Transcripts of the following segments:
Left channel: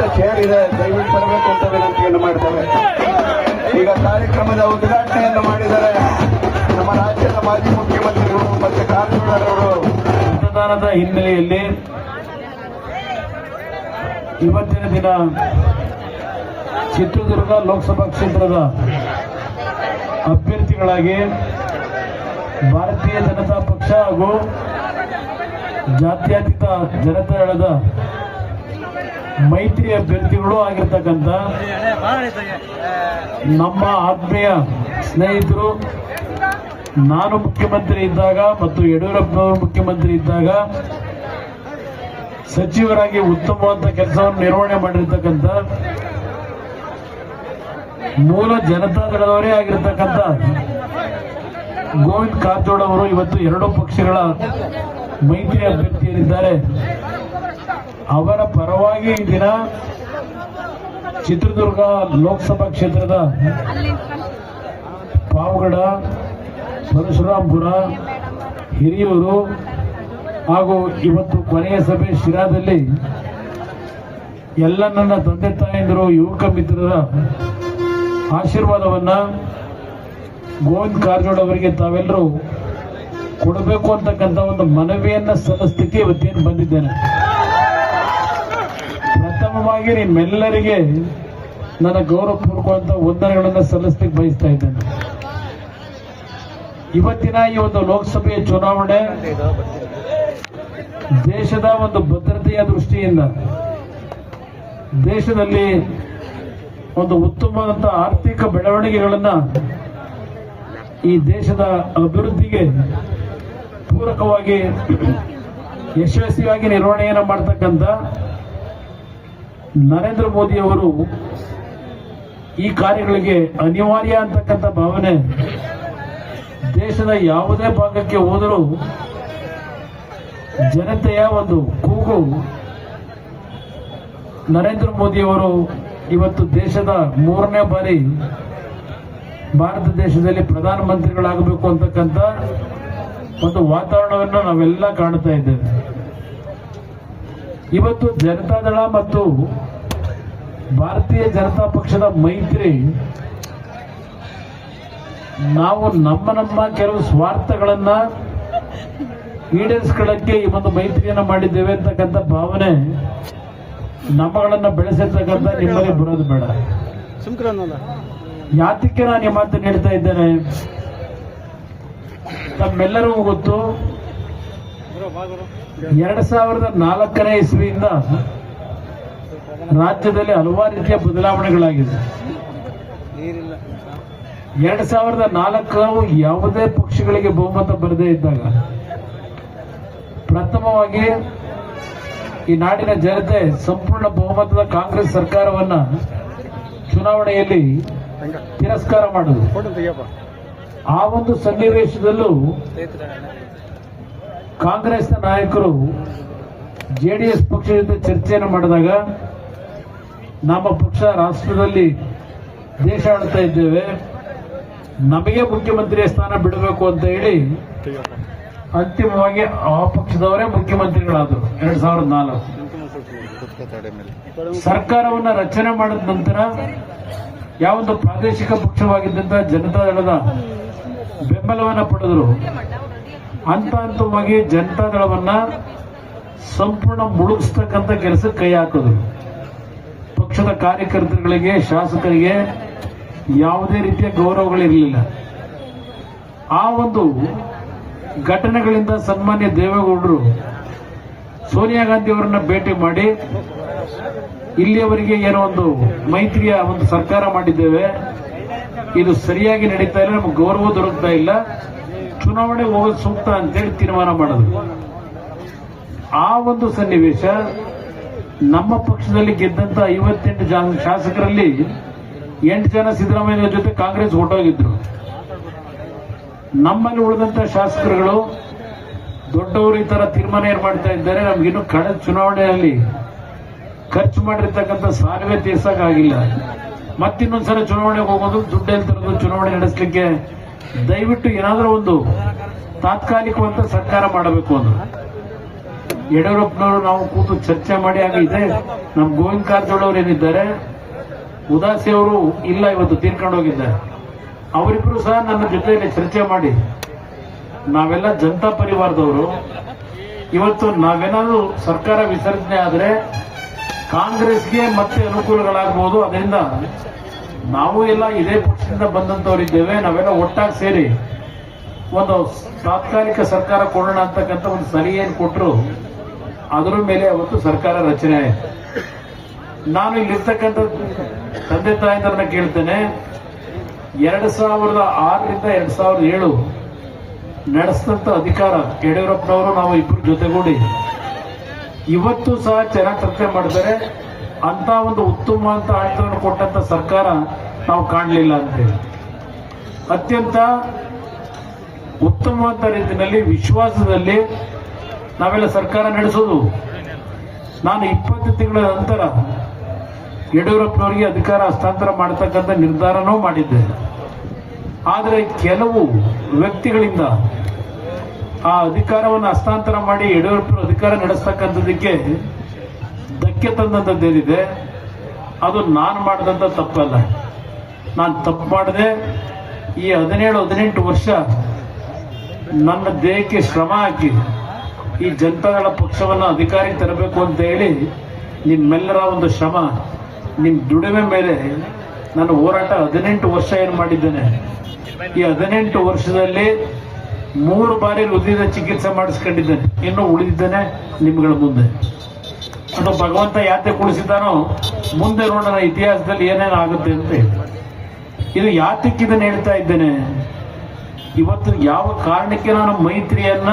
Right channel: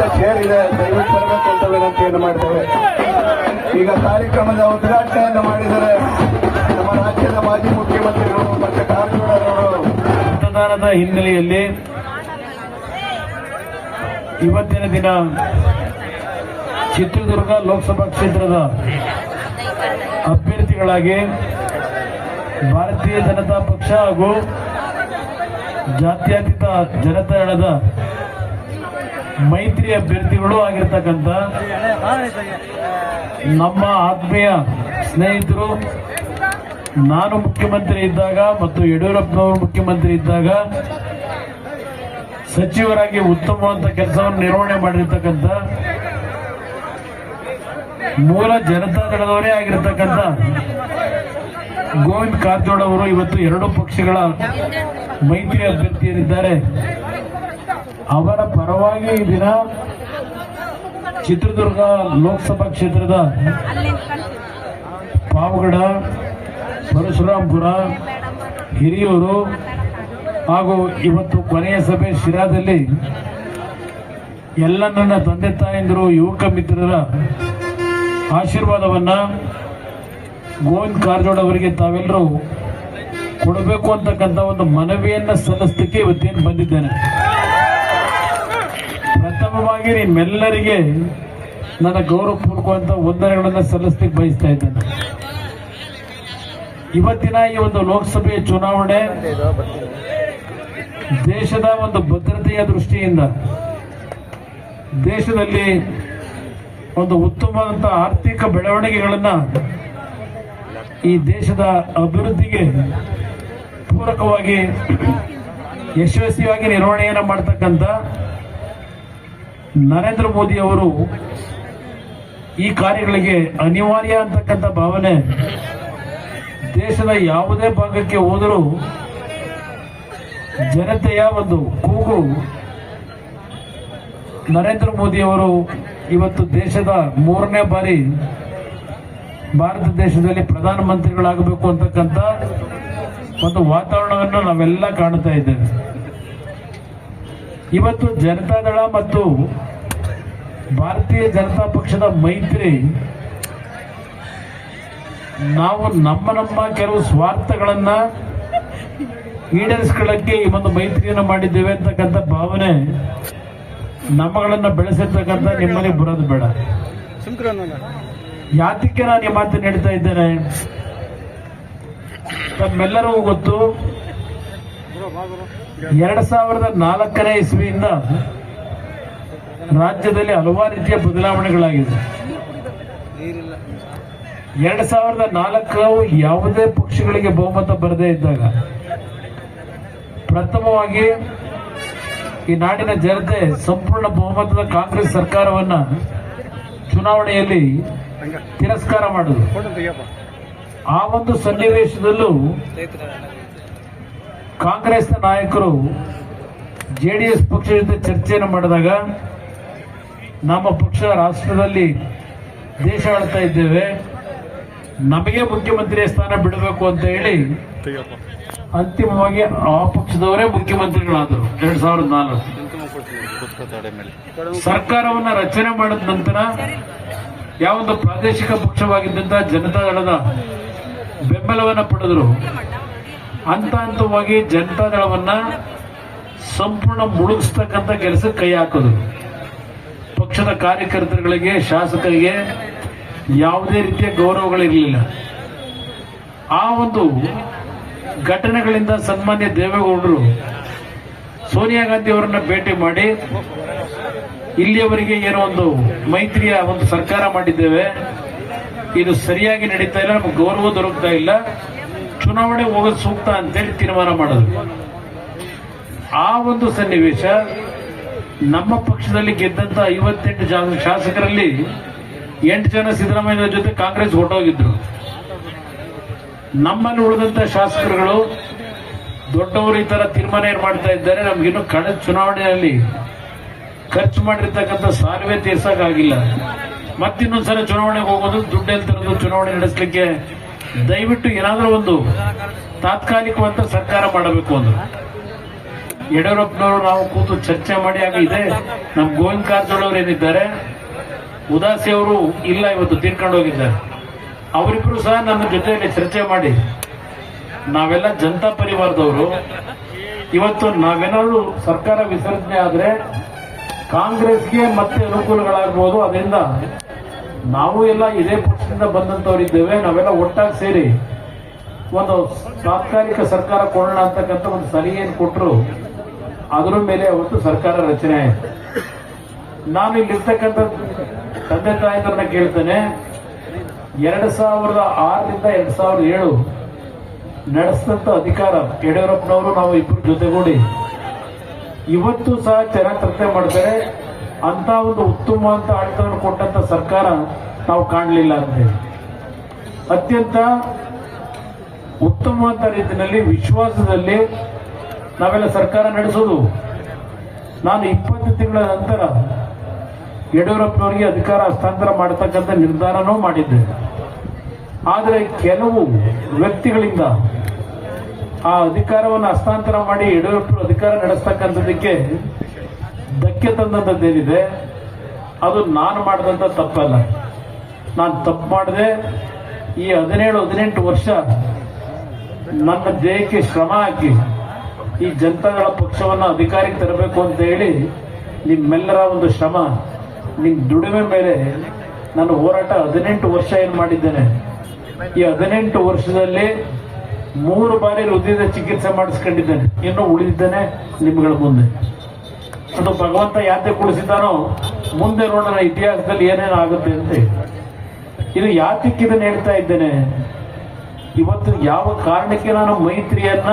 ದಯವಿಟ್ಟು ಚೇರ್ ಇದೆ, ದಯವಿಟ್ಟು ತರಬೇಕು ಅಂತ ವಿನಂತಿಯನ್ನು ಮಾಡ್ತೇವೆ. ಈಗ ಕಾರ್ಯಕ್ರಮದ ಉದ್ಘಾಟನೆಯನ್ನು ಮಾಡಿದರೆ ನಮ್ಮ ರಾಜ್ಯದ ಮಾಜಿ ಮುಖ್ಯಮಂತ್ರಿಗಳು ಮತ್ತು ಕಾರಜೋಳ ಮತದಾನದ ಹಿನ್ನೆಲೆಯಲ್ಲಿ ಇವತ್ತಿನ ದಿನ ಚಿತ್ರದುರ್ಗ ಲೋಕಸಭಾ ಕ್ಷೇತ್ರದ ಅಭ್ಯರ್ಥಿಗಳಾಗಿ ಭಾರತೀಯ ಜನತಾ ಪಕ್ಷ ಹಾಗೂ ಜಾತ್ಯತೀತ ಜನತಾದಳದ ಮೈತ್ರಿ ಅಭ್ಯರ್ಥಿಗಳು ಆಗಿರ್ತಕ್ಕಂಥ ನಮ್ಮ ಆತ್ಮೀಯ ಸ್ನೇಹಿತರು, ನಾನು ಮುಖ್ಯಮಂತ್ರಿ ಇದ್ದಾಗ ಮತ್ತು ಯಡಿಯೂರಪ್ಪನವರು ಮುಖ್ಯಮಂತ್ರಿ ಇದ್ದಾಗ ಸಚಿವರಾಗಿ ಉತ್ತಮವಾದ ಕೆಲಸವನ್ನು ನಿರ್ವಹಣೆ ಮಾಡಿರ್ತಕ್ಕಂಥ ಮೂಲ ಜನತಾದಳದವರೇ ಆಗಿರ್ತಕ್ಕಂಥ ಗೋವಿಂದ ಕಾರಜೋಳ ಅವರು ಇವತ್ತು ಎರಡೂ ಪಕ್ಷಗಳ ಮೈತ್ರಿ ಅಭ್ಯರ್ಥಿಯರಿದ್ದಾರೆ. ಅವರ ಪರವಾಗಿ ಈ ದಿನ ಚಿತ್ರದುರ್ಗ ಲೋಕಸಭಾ ಕ್ಷೇತ್ರದ ಪಾವಗಡ, ಪರಶುರಾಂಪುರ, ಹಿರಿಯೂರು ಹಾಗೂ ಇವತ್ತು ಕೊನೆಯ ಸಭೆ ಶಿರಾದಲ್ಲಿ ಎಲ್ಲ ನನ್ನ ತಂದೆ ತಾಯಂದಿರು, ಯುವಕ ಮಿತ್ರರ ಆಶೀರ್ವಾದವನ್ನ ಗೋವಿಂದ ಕಾರಜೋಳ ಅವರಿಗೆ ತಾವೆಲ್ಲರೂ ಕೊಡಬೇಕು ಅಂತಕ್ಕಂಥ ಒಂದು ಮನವಿಯನ್ನ ಸಲ್ಲಿಸಲಿಕ್ಕೆ ಇವತ್ತೇನು ಬಂದಿದ್ದೇನೆ. ಪ್ರಥಮವಾಗಿ ನಿಮ್ಮೆಲ್ಲರಿಗೆ ನನ್ನ ಗೌರವಪೂರ್ವಕವಾದ ವಂದನೆಗಳನ್ನು ಸಲ್ಲಿಸಲಿಕ್ಕೆ ಬಯಸ್ತಾ ಇದ್ದೇನೆ. ಇವತ್ತಿನ ಈ ಒಂದು ಲೋಕಸಭೆಯ ಚುನಾವಣೆ ದೇಶದ ಒಂದು ಭದ್ರತೆಯ ದೃಷ್ಟಿಯಿಂದ ದೇಶದಲ್ಲಿ ಒಂದು ಉತ್ತಮವಾದಂಥ ಆರ್ಥಿಕ ಬೆಳವಣಿಗೆಗಳನ್ನು ಈ ದೇಶದ ಅಭಿವೃದ್ಧಿಗೆ ಪೂರಕವಾಗಿ ಯಶಸ್ವಿಯಾಗಿ ನಿರ್ವಹಣೆಯನ್ನು ಮಾಡತಕ್ಕಂಥ ನರೇಂದ್ರ ಮೋದಿ ಅವರು ಈ ಕಾರ್ಯಗಳಿಗೆ ಅನಿವಾರ್ಯ ಅಂತಕ್ಕಂಥ ಭಾವನೆ ದೇಶದ ಯಾವುದೇ ಭಾಗಕ್ಕೆ ಹೋದರೂ ಜನತೆಯ ಒಂದು ಕೂಗು ನರೇಂದ್ರ ಮೋದಿ ಅವರು ಇವತ್ತು ದೇಶದ 3ನೇ ಬಾರಿ ಭಾರತ ದೇಶದಲ್ಲಿ ಪ್ರಧಾನಮಂತ್ರಿಗಳಾಗಬೇಕು ಅಂತಕ್ಕಂಥ ಒಂದು ವಾತಾವರಣವನ್ನು ನಾವೆಲ್ಲ ಕಾಣ್ತಾ ಇದ್ದೇವೆ. ಇವತ್ತು ಜನತಾದಳ ಮತ್ತು ಭಾರತೀಯ ಜನತಾ ಪಕ್ಷದ ಮೈತ್ರಿ ನಾವು ನಮ್ಮ ಕೆಲವು ಸ್ವಾರ್ಥಗಳನ್ನ ಈಡೇರಿಸಿಕೊಳ್ಳಕ್ಕೆ ಈ ಒಂದು ಮೈತ್ರಿಯನ್ನು ಮಾಡಿದ್ದೇವೆ ಅಂತಕ್ಕಂಥ ಭಾವನೆ ನಮ್ಮಗಳನ್ನ ಬೆಳೆಸಿರ್ತಕ್ಕಂಥ ನಿಮ್ಮಲ್ಲಿ ಬರೋದು ಬೇಡ. ಯಾತಕ್ಕೆ ನಾನು ಈ ಮಾತನ್ನು ಹೇಳ್ತಾ ಇದ್ದೇನೆ, ತಮ್ಮೆಲ್ಲರಿಗೂ ಗೊತ್ತು 2004ನೇ ಇಸ್ವಿಯಿಂದ ರಾಜ್ಯದಲ್ಲಿ ಹಲವಾರು ರೀತಿಯ ಬದಲಾವಣೆಗಳಾಗಿದೆ. 2004 ಯಾವುದೇ ಪಕ್ಷಗಳಿಗೆ ಬಹುಮತ ಬರದೇ ಇದ್ದಾಗ ಪ್ರಥಮವಾಗಿ ಈ ನಾಡಿನ ಜನತೆ ಸಂಪೂರ್ಣ ಬಹುಮತದ ಕಾಂಗ್ರೆಸ್ ಸರ್ಕಾರವನ್ನ ಚುನಾವಣೆಯಲ್ಲಿ ತಿರಸ್ಕಾರ ಮಾಡಿದ್ರು. ಆ ಒಂದು ಸನ್ನಿವೇಶದಲ್ಲೂ ಕಾಂಗ್ರೆಸ್ನ ನಾಯಕರು ಜೆಡಿಎಸ್ ಪಕ್ಷದ ಜೊತೆ ಚರ್ಚೆಯನ್ನು ಮಾಡಿದಾಗ ನಮ್ಮ ಪಕ್ಷ ರಾಷ್ಟ್ರದಲ್ಲಿ ದೇಶ ಆಳ್ತಾ ಇದ್ದೇವೆ, ನಮಗೆ ಮುಖ್ಯಮಂತ್ರಿ ಸ್ಥಾನ ಬಿಡಬೇಕು ಅಂತ ಹೇಳಿ ಅಂತಿಮವಾಗಿ ಆ ಪಕ್ಷದವರೇ ಮುಖ್ಯಮಂತ್ರಿಗಳಾದರು. 2004 ಸರ್ಕಾರವನ್ನ ರಚನೆ ಮಾಡಿದ ನಂತರ ಯಾವೊಂದು ಪ್ರಾದೇಶಿಕ ಪಕ್ಷವಾಗಿದ್ದಂತ ಜನತಾದಳದ ಬೆಂಬಲವನ್ನ ಪಡೆದರು. ಹಂತವಾಗಿ ಜನತಾದಳವನ್ನ ಸಂಪೂರ್ಣ ಮುಳುಗಿಸ್ತಕ್ಕಂಥ ಕೆಲಸಕ್ಕೆ ಕೈ ಹಾಕಿದ್ರು. ಪಕ್ಷದ ಕಾರ್ಯಕರ್ತರುಗಳಿಗೆ, ಶಾಸಕರಿಗೆ ಯಾವುದೇ ರೀತಿಯ ಗೌರವಗಳಿರಲಿಲ್ಲ. ಆ ಒಂದು ಘಟನೆಗಳಿಂದ ಸನ್ಮಾನ್ಯ ದೇವೇಗೌಡರು ಸೋನಿಯಾ ಗಾಂಧಿ ಅವರನ್ನ ಭೇಟಿ ಮಾಡಿ ಇಲ್ಲಿಯವರೆಗೆ ಏನೋ ಒಂದು ಮೈತ್ರಿಯ ಒಂದು ಸರ್ಕಾರ ಮಾಡಿದ್ದೇವೆ, ಇದು ಸರಿಯಾಗಿ ನಡೀತಾ ಇಲ್ಲ, ನಮಗೆ ಗೌರವ ದೊರಕ್ತಾ ಇಲ್ಲ, ಚುನಾವಣೆ ಹೋಗೋದು ಸೂಕ್ತ ಅಂತೇಳಿ ತೀರ್ಮಾನ ಮಾಡಿದ್ರು. ಆ ಒಂದು ಸನ್ನಿವೇಶ ನಮ್ಮ ಪಕ್ಷದಲ್ಲಿ ಗೆದ್ದಂತ 58 ಶಾಸಕರಲ್ಲಿ 8 ಜನ ಸಿದ್ದರಾಮಯ್ಯ ಜೊತೆ ಕಾಂಗ್ರೆಸ್ ಹೊರಟೋಗಿದ್ರು. ನಮ್ಮಲ್ಲಿ ಉಳಿದಂತ ಶಾಸಕರುಗಳು ದೊಡ್ಡವರು ಈ ತರ ತೀರ್ಮಾನ ಏನ್ ಮಾಡ್ತಾ ಇದ್ದಾರೆ, ನಮ್ಗಿನ್ನು ಕಳೆದ ಚುನಾವಣೆಯಲ್ಲಿ ಖರ್ಚು ಮಾಡಿರ್ತಕ್ಕಂಥ ಸಾಲವೇ ತೀರ್ಸಕ್ಕಾಗಿಲ್ಲ, ಮತ್ತಿನ್ನೊಂದ್ಸಲ ಚುನಾವಣೆಗೆ ಹೋಗೋದು, ದುಡ್ಡಲ್ಲಿ ತರೋದು, ಚುನಾವಣೆ ನಡೆಸಲಿಕ್ಕೆ ದಯವಿಟ್ಟು ಏನಾದರೂ ಒಂದು ತಾತ್ಕಾಲಿಕವಂತ ಸರ್ಕಾರ ಮಾಡಬೇಕು ಅಂದ್ರು. ಯಡಿಯೂರಪ್ಪನವರು ನಾವು ಕೂತು ಚರ್ಚೆ ಮಾಡಿ ಆಗ ಇದೆ. ನಮ್ಮ ಗೋವಿಂದ ಕಾರಜೋಳ ಅವರು ಏನಿದ್ದಾರೆ, ಉದಾಸಿ ಅವರು ಇಲ್ಲ, ಇವತ್ತು ತೀರ್ಕೊಂಡು ಹೋಗಿದ್ದಾರೆ. ಅವರಿಬ್ಬರು ಸಹ ನನ್ನ ಜೊತೆಯಲ್ಲಿ ಚರ್ಚೆ ಮಾಡಿ ನಾವೆಲ್ಲ ಜನತಾ ಪರಿವಾರದವರು, ಇವತ್ತು ನಾವೇನಾದ್ರೂ ಸರ್ಕಾರ ವಿಸರ್ಜನೆ ಆದರೆ ಕಾಂಗ್ರೆಸ್ಗೆ ಮತ್ತೆ ಅನುಕೂಲಗಳಾಗಬಹುದು. ಅದರಿಂದ ನಾವು ಎಲ್ಲ ಇದೇ ಪಕ್ಷದಿಂದ ಬಂದಂತವರಿದ್ದೇವೆ, ನಾವೆಲ್ಲ ಒಟ್ಟಾಗಿ ಸೇರಿ ಒಂದು ತಾತ್ಕಾಲಿಕ ಸರ್ಕಾರ ಕೊಡೋಣ ಅಂತಕ್ಕಂಥ ಒಂದು ಸಲಹೆಯನ್ನು ಕೊಟ್ಟರು. ಅದರ ಮೇಲೆ ಅವತ್ತು ಸರ್ಕಾರ ರಚನೆ ಆಯಿತು. ನಾನು ಇಲ್ಲಿರ್ತಕ್ಕಂಥ ತಂದೆ ತಾಯಂದ್ರನ್ನ ಕೇಳ್ತೇನೆ, 2006ರಿಂದ 2007 ನಡೆಸಿದಂತ ಅಧಿಕಾರ ಯಡಿಯೂರಪ್ಪನವರು ನಾವು ಇಬ್ಬರು ಜೊತೆಗೂಡಿ ಇವತ್ತು ಸಹ ಚೆನ್ನಾಗಿ ಚರ್ಚೆ ಮಾಡ್ತಾರೆ. ಅಂತ ಒಂದು ಉತ್ತಮ ಅಂತ ಆಡಳಿತವನ್ನು ಕೊಟ್ಟಂತ ಸರ್ಕಾರ ನಾವು ಕಾಣಲಿಲ್ಲ ಅಂತೇಳಿ ಅತ್ಯಂತ ಉತ್ತಮವಾದ ರೀತಿಯಲ್ಲಿ ವಿಶ್ವಾಸದಲ್ಲಿ ನಾವೆಲ್ಲ ಸರ್ಕಾರ ನಡೆಸೋದು. ನಾನು 20 ತಿಂಗಳ ನಂತರ ಯಡಿಯೂರಪ್ಪನವರಿಗೆ ಅಧಿಕಾರ ಹಸ್ತಾಂತರ ಮಾಡತಕ್ಕಂಥ ನಿರ್ಧಾರನೂ ಮಾಡಿದ್ದೆ. ಆದರೆ ಕೆಲವು ವ್ಯಕ್ತಿಗಳಿಂದ ಆ ಅಧಿಕಾರವನ್ನು ಹಸ್ತಾಂತರ ಮಾಡಿ ಯಡಿಯೂರಪ್ಪನ ಅಧಿಕಾರ ನಡೆಸ್ತಕ್ಕಂಥದ್ದಕ್ಕೆ ಧಕ್ಕೆ ತಂದಂಥದ್ದೇನಿದೆ, ಅದು ನಾನು ಮಾಡಿದಂಥ ತಪ್ಪಲ್ಲ. ನಾನು ತಪ್ಪು ಮಾಡಿದೆ. ಈ 17-18 ವರ್ಷ ನನ್ನ ದೇಹಕ್ಕೆ ಶ್ರಮ ಹಾಕಿ ಈ ಜನತಾದಳ ಪಕ್ಷವನ್ನು ಅಧಿಕಾರಕ್ಕೆ ತರಬೇಕು ಅಂತ ಹೇಳಿ ನಿಮ್ಮೆಲ್ಲರ ಒಂದು ಶ್ರಮ, ನಿಮ್ಮ ದುಡಿಮೆ ಮೇಲೆ ನಾನು ಹೋರಾಟ 18 ವರ್ಷ ಏನು ಮಾಡಿದ್ದೇನೆ. ಈ 18 ವರ್ಷದಲ್ಲಿ 3 ಬಾರಿ ಹೃದಯದ ಚಿಕಿತ್ಸೆ ಮಾಡಿಸ್ಕೊಂಡಿದ್ದೇನೆ. ಇನ್ನೂ ಉಳಿದಿದ್ದೇನೆ ನಿಮ್ಗಳ ಮುಂದೆ. ಅದು ಭಗವಂತ ಯಾತೆ ಕುಳಿಸಿದಾನೋ ಮುಂದೆ ನೋಡೋಣ ಇತಿಹಾಸದಲ್ಲಿ ಏನೇನು ಆಗುತ್ತೆ ಅಂತ. ಇದು ಯಾತಕ್ಕೆ ಇದನ್ನು ಹೇಳ್ತಾ ಇದ್ದೇನೆ, ಇವತ್ತು ಯಾವ ಕಾರಣಕ್ಕೆ ನಾನು ಮೈತ್ರಿಯನ್ನ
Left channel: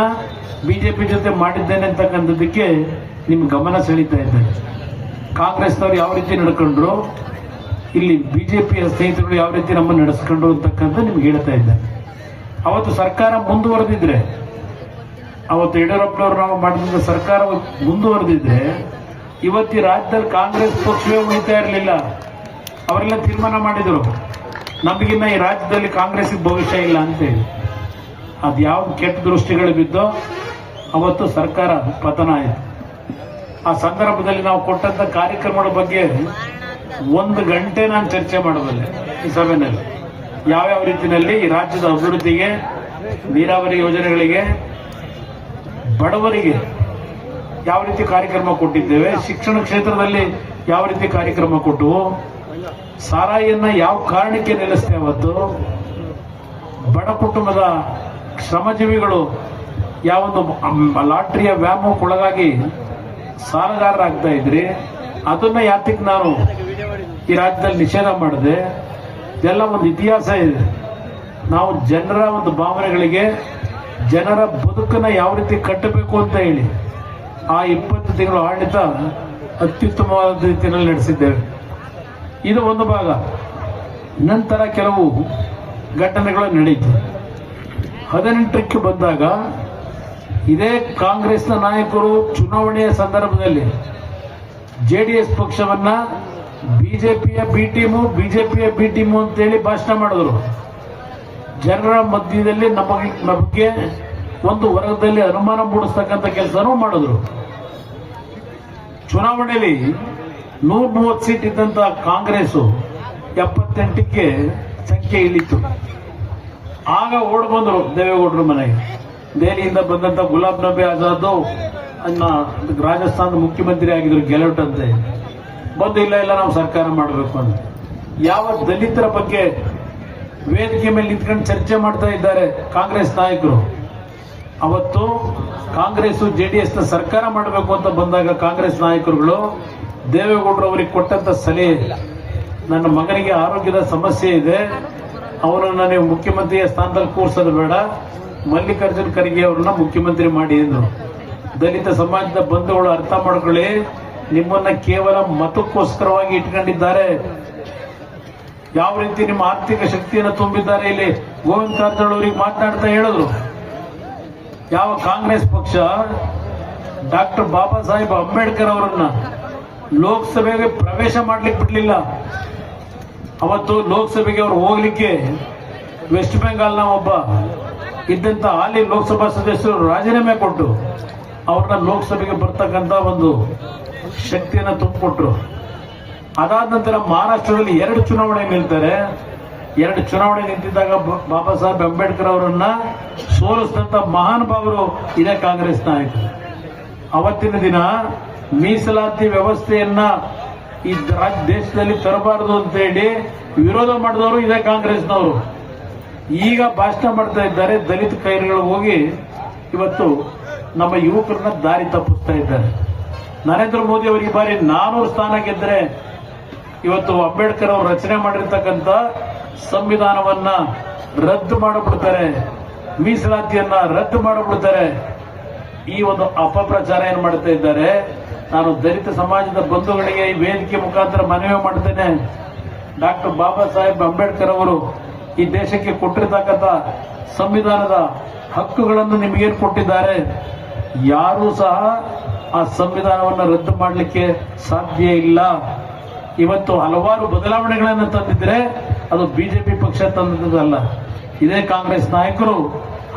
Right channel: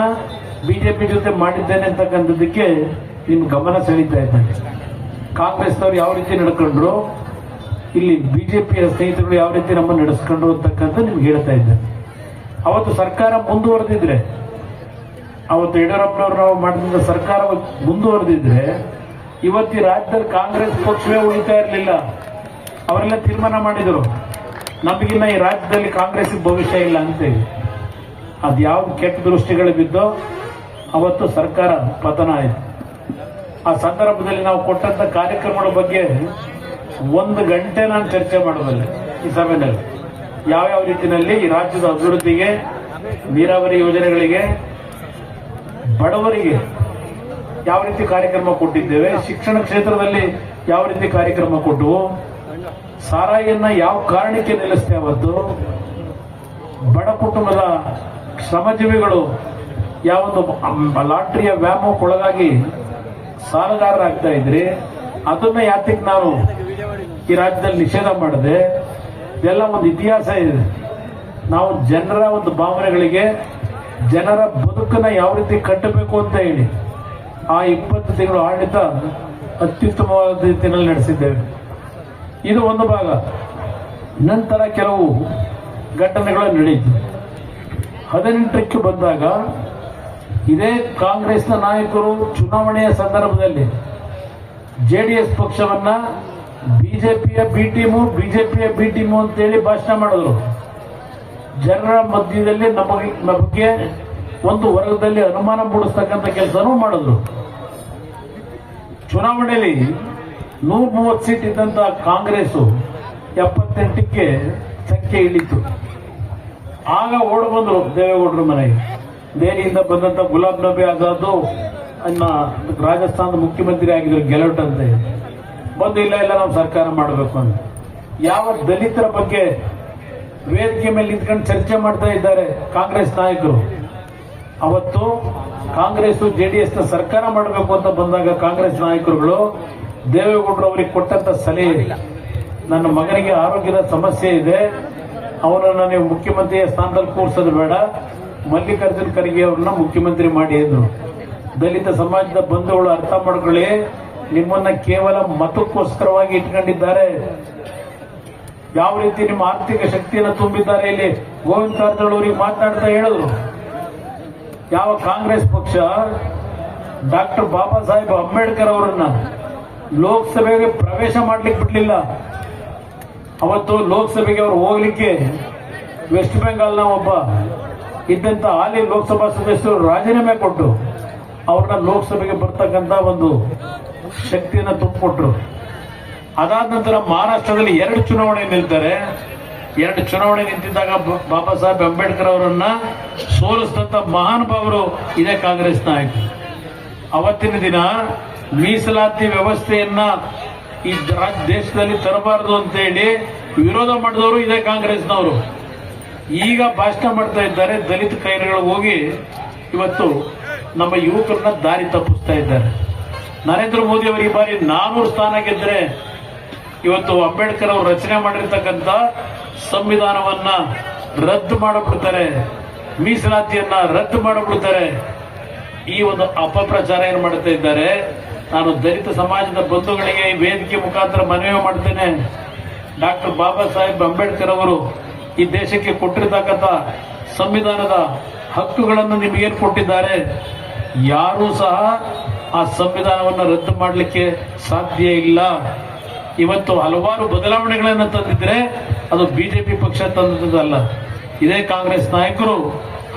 ಬಿಜೆಪಿ ಜೊತೆ ಮಾಡಿದ್ದೇನೆ ಅಂತಕ್ಕಂಥದ್ದಕ್ಕೆ ನಿಮ್ ಗಮನ ಸೆಳೀತಾ ಇದ್ದೇನೆ. ಕಾಂಗ್ರೆಸ್ನವ್ರು ಯಾವ ರೀತಿ ನಡ್ಕೊಂಡ್ರು, ಇಲ್ಲಿ ಬಿಜೆಪಿಯ ಸ್ನೇಹಿತರು ಯಾವ ರೀತಿ ನಮ್ಮನ್ನು ನಡೆಸ್ಕೊಂಡ್ರು ಅಂತಕ್ಕಂಥ ನಿಮ್ಗೆ ಹೇಳ್ತಾ ಇದ್ದೇನೆ. ಅವತ್ತು ಸರ್ಕಾರ ಮುಂದುವರೆದಿದ್ರೆ, ಅವತ್ತು ಯಡಿಯೂರಪ್ಪನವರು ನಾವು ಮಾಡಿದ ಸರ್ಕಾರ ಮುಂದುವರೆದಿದ್ರೆ ಇವತ್ತಿ ರಾಜ್ಯದಲ್ಲಿ ಕಾಂಗ್ರೆಸ್ ಪಕ್ಷವೇ ಉಳಿತಾ ಇರಲಿಲ್ಲ. ಅವರೆಲ್ಲ ತೀರ್ಮಾನ ಮಾಡಿದರು, ನಮಗಿನ್ನ ಈ ರಾಜ್ಯದಲ್ಲಿ ಕಾಂಗ್ರೆಸ್ ಭವಿಷ್ಯ ಇಲ್ಲ ಅಂತೇಳಿ. ಅದು ಯಾವ ಕೆಟ್ಟ ದೃಷ್ಟಿಗಳು ಬಿದ್ದೋ ಅವತ್ತು ಸರ್ಕಾರ ಪತನ ಆಯಿತು. ಆ ಸಂದರ್ಭದಲ್ಲಿ ನಾವು ಕೊಟ್ಟಂತ ಕಾರ್ಯಕ್ರಮಗಳ ಬಗ್ಗೆ 1 ಗಂಟೆ ನಾನು ಚರ್ಚೆ ಮಾಡಬಲ್ಲೆ ಈ ಸಭೆಯಲ್ಲಿ. ಯಾವ್ಯಾವ ರೀತಿಯಲ್ಲಿ ಈ ರಾಜ್ಯದ ಅಭಿವೃದ್ಧಿಗೆ, ನೀರಾವರಿ ಯೋಜನೆಗಳಿಗೆ, ಬಡವರಿಗೆ ಯಾವ ರೀತಿ ಕಾರ್ಯಕ್ರಮ ಕೊಟ್ಟಿದ್ದೇವೆ, ಶಿಕ್ಷಣ ಕ್ಷೇತ್ರದಲ್ಲಿ ಯಾವ ರೀತಿ ಕಾರ್ಯಕ್ರಮ ಕೊಟ್ಟು, ಸಾರಾಯಿಯನ್ನ ಯಾವ ಕಾರಣಕ್ಕೆ ನಿಲ್ಲಿಸ್ತೇವೆ, ಅವತ್ತು ಬಡ ಕುಟುಂಬದ ಶ್ರಮಜೀವಿಗಳು ಯಾವೊಂದು ಲಾಟ್ರಿಯ ವ್ಯಾಮೋಹಕ್ಕೊಳಗಾಗಿ ಸಾಲಗಾರರಾಗ್ತಾ ಇದ್ರಿ, ಅದನ್ನ ಯಾತಕ್ಕೆ ನಾನು ಈ ರಾಜ್ಯದಲ್ಲಿ ನಿಷೇಧ ಮಾಡಿದೆ. ಇದೆಲ್ಲ ಒಂದು ಇತಿಹಾಸ ಇದೆ. ನಾವು ಜನರ ಒಂದು ಭಾವನೆಗಳಿಗೆ, ಜನರ ಬದುಕನ್ನ ಯಾವ ರೀತಿ ಕಟ್ಟಬೇಕು ಅಂತ ಹೇಳಿ ಆ 20 ತಿಂಗಳು ಆಡಳಿತ ಅತ್ಯುತ್ತಮವಾದ ರೀತಿಯಲ್ಲಿ ನಡೆಸಿದ್ದೇವೆ. ಇದು ಒಂದು ಭಾಗ. ನಂತರ ಕೆಲವು ಘಟನೆಗಳು ನಡೆಯಿತು. 18ಕ್ಕೆ ಬಂದಾಗ ಇದೇ ಕಾಂಗ್ರೆಸ್ನ ನಾಯಕರು ಚುನಾವಣೆಯ ಸಂದರ್ಭದಲ್ಲಿ ಜೆಡಿಎಸ್ ಪಕ್ಷವನ್ನ ಬಿಜೆಪಿಯ ಬಿ ಟೀಮು ಅಂತೇಳಿ ಭಾಷಣ ಮಾಡಿದ್ರು. ಜನರ ಮಧ್ಯದಲ್ಲಿ ನಮಗೆ ಒಂದು ವರ್ಗದಲ್ಲಿ ಅನುಮಾನ ಮೂಡಿಸ್ತಕ್ಕಂಥ ಕೆಲಸನೂ ಮಾಡಿದ್ರು. ಚುನಾವಣೆಯಲ್ಲಿ 130 ಸೀಟ್ ಇದ್ದಂತ ಕಾಂಗ್ರೆಸ್ 78ಕ್ಕೆ ಸಂಖ್ಯೆ ಇಳಿತು. ಆಗ ಓಡ್ ಬಂದ್ರು ದೇವೇಗೌಡರ ಮನೆಗೆ. ದೆಹಲಿಯಿಂದ ಬಂದಂತ ಗುಲಾಂ ನಬಿ ಆಜಾದ್ ರಾಜಸ್ಥಾನದ ಮುಖ್ಯಮಂತ್ರಿ ಆಗಿದ್ರು, ಗೆಲುಟ್ ಅಂತ ಬಂದು ಇಲ್ಲ ನಾವು ಸರ್ಕಾರ ಮಾಡಬೇಕು ಅಂತ. ಯಾವ ದಲಿತರ ಬಗ್ಗೆ ವೇದಿಕೆ ಮೇಲೆ ನಿಂತ್ಕೊಂಡು ಚರ್ಚೆ ಮಾಡ್ತಾ ಇದ್ದಾರೆ ಕಾಂಗ್ರೆಸ್ ನಾಯಕರು. ಅವತ್ತು ಕಾಂಗ್ರೆಸ್ ಜೆಡಿಎಸ್ ನ ಸರ್ಕಾರ ಮಾಡಬೇಕು ಅಂತ ಬಂದಾಗ ಕಾಂಗ್ರೆಸ್ ನಾಯಕರುಗಳು ದೇವೇಗೌಡರು ಅವರಿಗೆ ಕೊಟ್ಟಂತ ಸಲಹೆ, ನನ್ನ ಮಗನಿಗೆ ಆರೋಗ್ಯದ ಸಮಸ್ಯೆ ಇದೆ, ಅವರನ್ನ ನೀವು ಮುಖ್ಯಮಂತ್ರಿಯ ಸ್ಥಾನದಲ್ಲಿ ಕೂರಿಸೋದು ಬೇಡ, ಮಲ್ಲಿಕಾರ್ಜುನ್ ಖರ್ಗೆ ಅವರನ್ನ ಮುಖ್ಯಮಂತ್ರಿ ಮಾಡಿ ಎಂದರು. ದಲಿತ ಸಮಾಜದ ಬಂಧುಗಳು ಅರ್ಥ ಮಾಡ್ಕೊಳ್ಳಿ, ನಿಮ್ಮನ್ನ ಕೇವಲ ಮತಕ್ಕೋಸ್ಕರವಾಗಿ ಇಟ್ಕೊಂಡಿದ್ದಾರೆ. ಯಾವ ರೀತಿ ನಿಮ್ಮ ಆರ್ಥಿಕ ಶಕ್ತಿಯನ್ನು ತುಂಬಿದ್ದಾರೆ ಇಲ್ಲಿ ಗೋವಿಂದ ಕಾರಜೋಳ ಅವರಿಗೆ ಮಾತನಾಡ್ತಾ ಹೇಳಿದ್ರು. ಯಾವ ಕಾಂಗ್ರೆಸ್ ಪಕ್ಷ ಡಾಕ್ಟರ್ ಬಾಬಾ ಸಾಹೇಬ್ ಅಂಬೇಡ್ಕರ್ ಅವರನ್ನ ಲೋಕಸಭೆಗೆ ಪ್ರವೇಶ ಮಾಡ್ಲಿಕ್ಕೆ ಬಿಡ್ಲಿಲ್ಲ. ಅವತ್ತು ಲೋಕಸಭೆಗೆ ಅವರು ಹೋಗ್ಲಿಕ್ಕೆ ವೆಸ್ಟ್ ಬೆಂಗಾಲ್ನ ಒಬ್ಬ ಇದ್ದಂತ ಹಾಲಿ ಲೋಕಸಭಾ ಸದಸ್ಯರು ರಾಜೀನಾಮೆ ಕೊಟ್ಟು ಅವ್ರನ್ನ ಲೋಕಸಭೆಗೆ ಬರ್ತಕ್ಕಂಥ ಒಂದು ಶಕ್ತಿಯನ್ನು ತುಂಬಿಕೊಟ್ರು. ಅದಾದ ನಂತರ ಮಹಾರಾಷ್ಟ್ರದಲ್ಲಿ 2 ಚುನಾವಣೆ ನಿಲ್ತಾರೆ. 2 ಚುನಾವಣೆ ನಿಂತಿದ್ದಾಗ ಬಾಬಾ ಸಾಹೇಬ್ ಅಂಬೇಡ್ಕರ್ ಅವರನ್ನ ಸೋಲಿಸಿದಂತ ಮಹಾನುಭಾವರು ಇದೇ ಕಾಂಗ್ರೆಸ್ ನಾಯಕರು. ಅವತ್ತಿನ ದಿನ ಮೀಸಲಾತಿ ವ್ಯವಸ್ಥೆಯನ್ನ ಈ ದೇಶದಲ್ಲಿ ತರಬಾರದು ಅಂತ ಹೇಳಿ ವಿರೋಧ ಮಾಡಿದವರು ಇದೇ ಕಾಂಗ್ರೆಸ್ನವರು. ಈಗ ಭಾಷಣ ಮಾಡ್ತಾ ಇದ್ದಾರೆ, ದಲಿತ ಕೈಗಳು ಹೋಗಿ ಇವತ್ತು ನಮ್ಮ ಯುವಕರನ್ನ ದಾರಿ ತಪ್ಪಿಸ್ತಾ ಇದ್ದಾರೆ. ನರೇಂದ್ರ ಮೋದಿ ಅವರು ಈ ಬಾರಿ 400 ಸ್ಥಾನ ಗೆದ್ರೆ ಇವತ್ತು ಅಂಬೇಡ್ಕರ್ ಅವರು ರಚನೆ ಮಾಡಿರ್ತಕ್ಕಂಥ ಸಂವಿಧಾನವನ್ನ ರದ್ದು ಮಾಡಿಬಿಡ್ತಾರೆ, ಮೀಸಲಾತಿಯನ್ನ ರದ್ದು ಮಾಡಿಬಿಡ್ತಾರೆ. ಈ ಒಂದು ಅಪಪ್ರಚಾರ ಏನು ಮಾಡ್ತಾ ಇದ್ದಾರೆ. ನಾನು ದಲಿತ ಸಮಾಜದ ಬಂಧುಗಳಿಗೆ ಈ ವೇದಿಕೆ ಮುಖಾಂತರ ಮನವಿ ಮಾಡ್ತೇನೆ. ಡಾಕ್ಟರ್ ಬಾಬಾ ಸಾಹೇಬ್ ಅಂಬೇಡ್ಕರ್ ಅವರು ಈ ದೇಶಕ್ಕೆ ಕೊಟ್ಟಿರ್ತಕ್ಕಂಥ ಸಂವಿಧಾನದ ಹಕ್ಕುಗಳನ್ನು ನಿಮಗೇನು ಕೊಟ್ಟಿದ್ದಾರೆ, ಯಾರೂ ಸಹ ಆ ಸಂವಿಧಾನವನ್ನು ರದ್ದು ಮಾಡಲಿಕ್ಕೆ ಸಾಧ್ಯ ಇಲ್ಲ. ಇವತ್ತು ಹಲವಾರು ಬದಲಾವಣೆಗಳನ್ನು ತಂದಿದ್ರೆ ಅದು ಬಿಜೆಪಿ ಪಕ್ಷ ತಂದದ್ದಲ್ಲ, ಇದೇ ಕಾಂಗ್ರೆಸ್ ನಾಯಕರು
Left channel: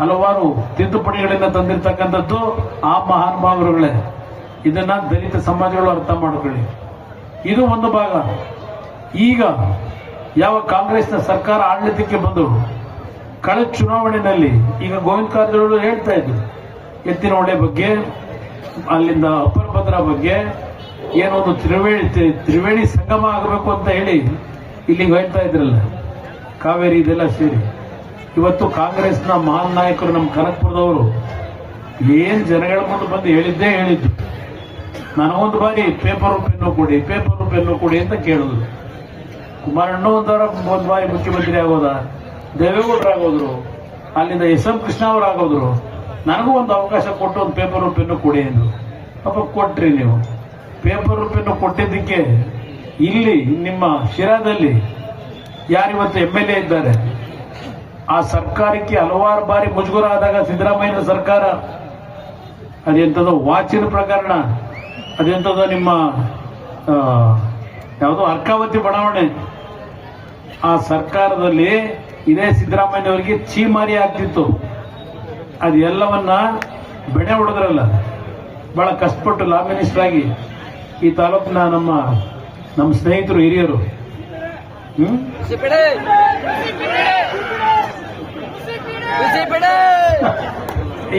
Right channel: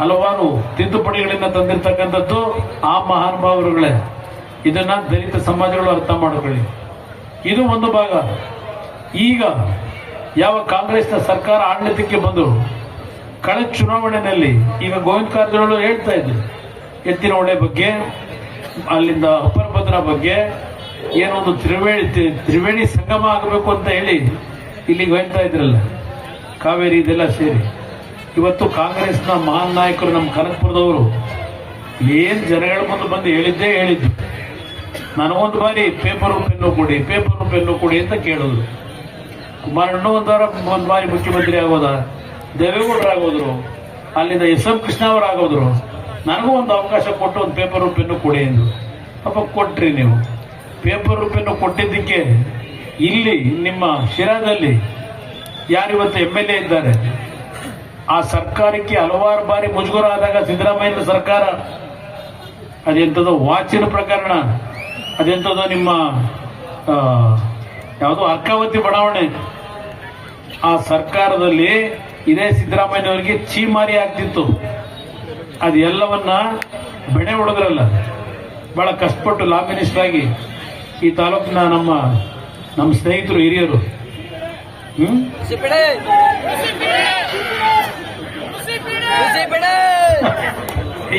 ಹಲವಾರು ತಿದ್ದುಪಡಿಗಳನ್ನು ತಂದಿರತಕ್ಕಂಥದ್ದು ಆ ಮಹಾನುಭಾವರುಗಳೇ. ಇದನ್ನ ದಲಿತ ಸಮಾಜಗಳು ಅರ್ಥ ಮಾಡಿಕೊಳ್ಳಿ. ಇದು ಒಂದು ಭಾಗ. ಈಗ ಯಾವ ಕಾಂಗ್ರೆಸ್ನ ಸರ್ಕಾರ ಆಡಳಿತಕ್ಕೆ ಬಂದು ಕಳೆದ ಚುನಾವಣೆಯಲ್ಲಿ ಈಗ ಗೋವಿಂದ ಕಾರಜೋಳ ಹೇಳ್ತಾ ಇದ್ರು ಎತ್ತಿನಹೊಳೆ ಬಗ್ಗೆ, ಅಲ್ಲಿಂದ ಅಪ್ಪರ ಭದ್ರಾ ಬಗ್ಗೆ, ಏನೊಂದು ತ್ರಿವೇಣಿ ಸಂಗಮ ಆಗಬೇಕು ಅಂತ ಹೇಳಿ ಇಲ್ಲಿಗೆ ಹೇಳ್ತಾ ಇದ್ರಲ್ಲ, ಕಾವೇರಿ ಇದೆಲ್ಲ ಸೇರಿ. ಇವತ್ತು ಕಾಂಗ್ರೆಸ್ನ ಮಹಾನ್ ನಾಯಕರು ನಮ್ಮ ಕನಕಪುರದವರು ಏನ್ ಜನಗಳ ಮುಂದೆ ಬಂದು ಹೇಳಿದ್ದು, ನನಗೊಂದು ಬಾರಿ ಪೇಪರ್ ಪೆನ್ನು ಕೊಡಿ ಅಂತ ಕೇಳಿದ್ರು. ಕುಮಾರಣ್ಣ ಒಂದು ಬಾರಿ ಮುಖ್ಯಮಂತ್ರಿ ಆಗೋದ, ದೇವೇಗೌಡರು ಆಗೋದ್ರು, ಅಲ್ಲಿಂದ ಎಸ್.ಎಂ. ಕೃಷ್ಣ ಅವರು ಆಗೋದ್ರು. ನನಗೂ ಒಂದು ಅವಕಾಶ ಕೊಟ್ಟು ಒಂದು ಪೇಪರ್ ಪೆನ್ನು ಕೊಡಿ ಎಂದು ಅಪ್ಪ ಕೊಟ್ರಿ. ನೀವು ಪೇಪರ್ ಪೆನ್ನು ಕೊಟ್ಟಿದ್ದಕ್ಕೆ ಇಲ್ಲಿ ನಿಮ್ಮ ಶಿರಾದಲ್ಲಿ ಯಾರಿವತ್ತು MLA ಇದ್ದಾರೆ, ಆ ಸರ್ಕಾರಕ್ಕೆ ಹಲವಾರು ಬಾರಿ ಮುಜುಗರ ಆದಾಗ ಸಿದ್ದರಾಮಯ್ಯ ಸರ್ಕಾರ ಅದೆಂಥದ್ದು ವಾಚಿನ ಪ್ರಕರಣ, ಅದೆಂಥದ್ದು ನಿಮ್ಮ ಯಾವುದೋ ಅರ್ಕಾವತಿ ಬಡಾವಣೆ, ಆ ಸರ್ಕಾರದಲ್ಲಿ ಇದೇ ಸಿದ್ದರಾಮಯ್ಯವರಿಗೆ ಚೀಮಾರಿ ಆಗ್ತಿತ್ತು. ಅದೆಲ್ಲವನ್ನ ಬೆಳೆ ಹೊಡೆದ್ರಲ್ಲ. ಬಹಳ ಕಷ್ಟಪಟ್ಟು ಲಾ ಮಿನಿಸ್ಟರ್ ಆಗಿ ಈ ತಾಲೂಕಿನ ನಮ್ಮ ಸ್ನೇಹಿತರು ಹಿರಿಯರು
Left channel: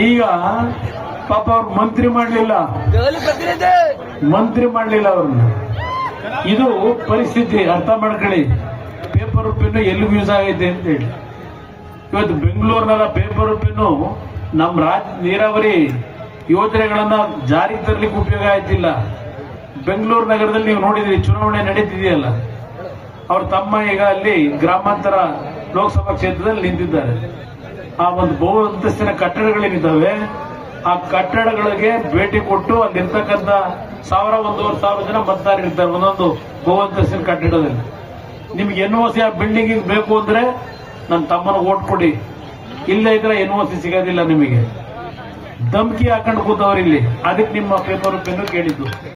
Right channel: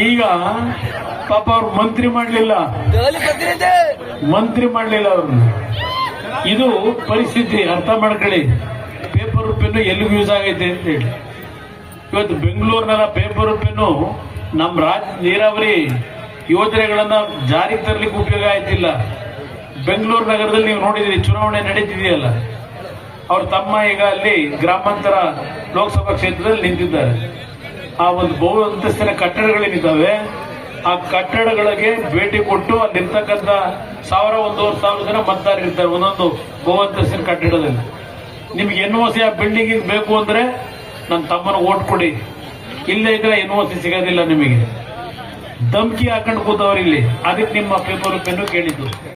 ಈಗ ಪಾಪ ಅವ್ರು ಮಂತ್ರಿ ಮಾಡಲಿಲ್ಲ ಅವ್ರನ್ನ. ಇದು ಪರಿಸ್ಥಿತಿ, ಅರ್ಥ ಮಾಡ್ಕೊಳ್ಳಿ. ಪೇಪರ್ ಪೆನ್ನು ಎಲ್ಲಿಗೂ ಯೂಸ್ ಆಗೈತೆ ಅಂತ ಹೇಳಿ ಇವತ್ತು ಬೆಂಗಳೂರಿನ ಪೇಪರ್ ಪೆನ್ನು ನಮ್ಮ ನೀರಾವರಿ ಯೋಜನೆಗಳನ್ನ ಜಾರಿಗೆ ತರಲಿಕ್ಕೆ ಉಪಯೋಗ ಆಯ್ತಿಲ್ಲ. ಬೆಂಗಳೂರು ನಗರದಲ್ಲಿ ನೀವು ನೋಡಿದ್ರಿ, ಚುನಾವಣೆ ನಡೀತಿದೆಯಲ್ಲ, ಅವ್ರ ತಮ್ಮ ಈಗ ಅಲ್ಲಿ ಗ್ರಾಮಾಂತರ ಲೋಕಸಭಾ ಕ್ಷೇತ್ರದಲ್ಲಿ ನಿಂತಿದ್ದಾರೆ. ಆ ಒಂದು ಬಹು ಅಂತಸ್ತಿನ ಕಟ್ಟಡಗಳೇನಿದ್ದಾವೆ, ಆ ಕಟ್ಟಡಗಳಿಗೆ ಭೇಟಿ ಕೊಟ್ಟು ಅಲ್ಲಿರ್ತಕ್ಕಂಥ 1,000-1,500 ಜನ ಮತದಾರರಿರ್ತಾರೆ ಒಂದೊಂದು ಬಹು ಅಂತಸ್ತಿನ ಕಟ್ಟಡದಲ್ಲಿ. ನಿಮ್ಗೆ NOC ಆ ಬಿಲ್ಡಿಂಗ್ ಬೇಕು ಅಂದ್ರೆ ನನ್ನ ತಮ್ಮನ ಓಟ್ ಕೊಡಿ, ಇಲ್ಲೇ ಇದ್ರೆ NOC ಸಿಗೋದಿಲ್ಲ ನಿಮಗೆ. ಧಮ್ಕಿ ಹಾಕೊಂಡು ಕೂತವ್ರಿಲ್ಲಿ. ಅದಕ್ಕೆ ನಿಮ್ಮ ಪೇಪರ್ ಪೆನ್ನು ಕೇಳಿದ್ದು.